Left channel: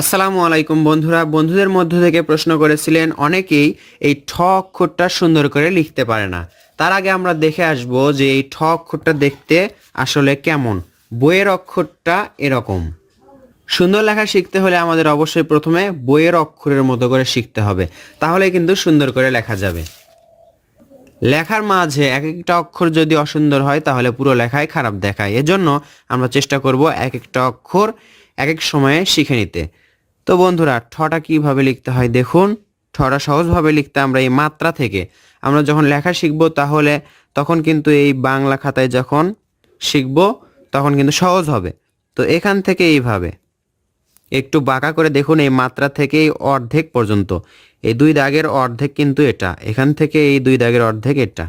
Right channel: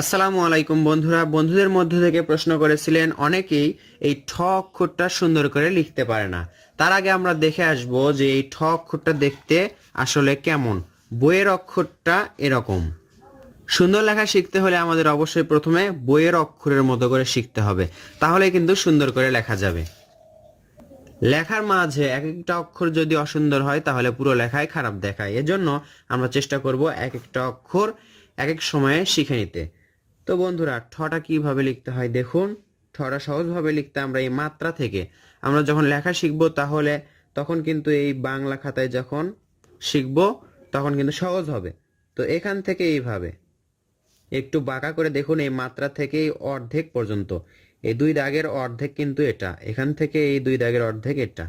আসসালামু আলাইকুম বন্ধুরা, বন্ধুদের মধ্য থেকে প্রশ্ন করেছিলেন অনেকেই এই ঠ অক্ষরটা সুন্দর করে লিখতে পারে না। তার আগে আমরা দেখে আসব যে এই ঠ অক্ষরটা দেখতে আসলে কেমন। বইয়ের অক্ষরটা এরকম। সুন্দর লেখা শিখতে হলে আমাদের অবশ্যই প্রথমে বইয়ের অক্ষরের মতো করে শিখতে হবে, তাহলে কিন্তু সুন্দর করে লেখা যাবে। লেখার মাঝে এক একটা অক্ষর যদি অসুন্দর হয় তাহলে পুরো লেখাই খারাপ দেখায়। এজন্য আমরা চেষ্টা করব এক একটা অক্ষর এক এক সময়ে শিখে নিতে। তো বন্ধুরা, ঠটা কিভাবে লিখতে হয় দেখুন। ঠটা সহজভাবে লিখতে আমরা এই মাত্রা থেকে আমরা যখন লেখা শিখব তাহলে তখন কিন্তু এই বাংলা খাতায় যখন শিখব তখন কিন্তু সহজ হবে। তো এখান থেকে এইভাবে একটু বাঁকা করে দেখুন, এই মাত্রা থেকে এই অর্ধেক পর্যন্ত, এই দুই দাগের অর্ধেক কিন্তু এটা, এখান থেকে এই দুই দাগের অর্ধেক এটা।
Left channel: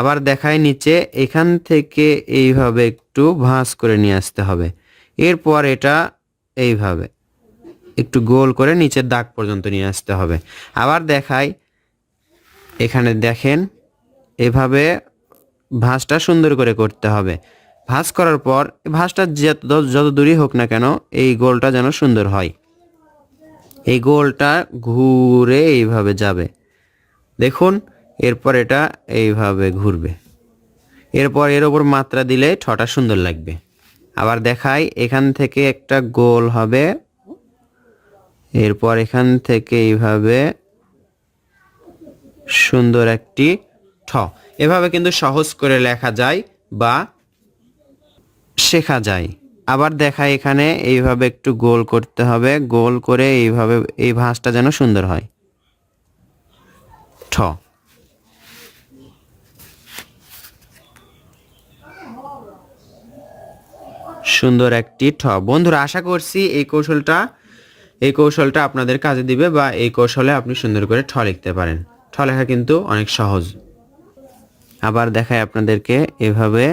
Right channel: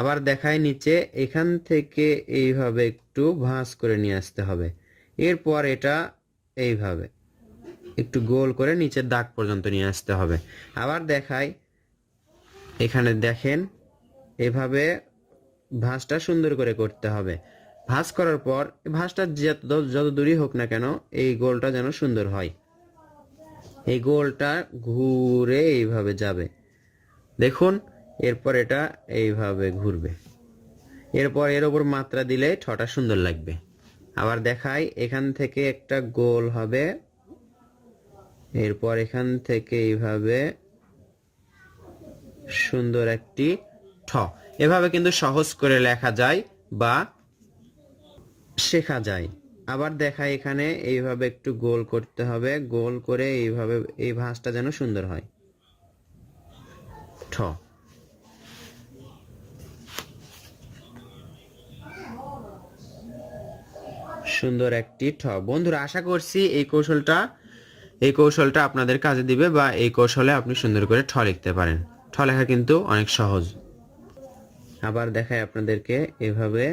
আবার দেখায় নিচে, এখান থেকে এইভাবে একটু ভাঁজ করে নিয়ে আসতে হবে। এরপর এটা এইভাবে একটু গোল করে নিচের দাগ পর্যন্ত নিয়ে আসতে হবে। আবার দেখাই, এখানে দেখেন এভাবে ভাঁজটা সুন্দর করে করতে হবে। ভাঁজ করার পর ভাঁজটা যত দূরই হোক না কেন এই গোলটা যেন সুন্দর হয়। এই গোলটা ঘুরে এইভাবে যাবে দেখুন। এরপর এটা এইভাবে ঘুরবে। এরপর এর ওপর মাত্রা দিলে ঠটা সুন্দর লাগবে। আবার দেখাই, এখান থেকে একটা গোল হবে, এরপর এখান থেকে এইভাবে সুন্দর একটি ঠ। এভাবে কিন্তু সহজ করে লেখা যায় বা শেখা যায়। আবার দেখাই, এখানে এইভাবে একটু গোল করতে হবে, গোল করে এইভাবে এই ভাঁজটা যেন সুন্দর হয়। ঠ। সুন্দর একটি ঠ। বন্ধুরা, আশা করছি এই কৌশলটা আপনাদের কাজে দিবে বা এই কৌশলে আপনি সুন্দর করে ঠ লিখতে পারেন। ঠ লেখা কিন্তু অনেক সহজ। আবার দেখাই আপনাদেরকে, এভাবে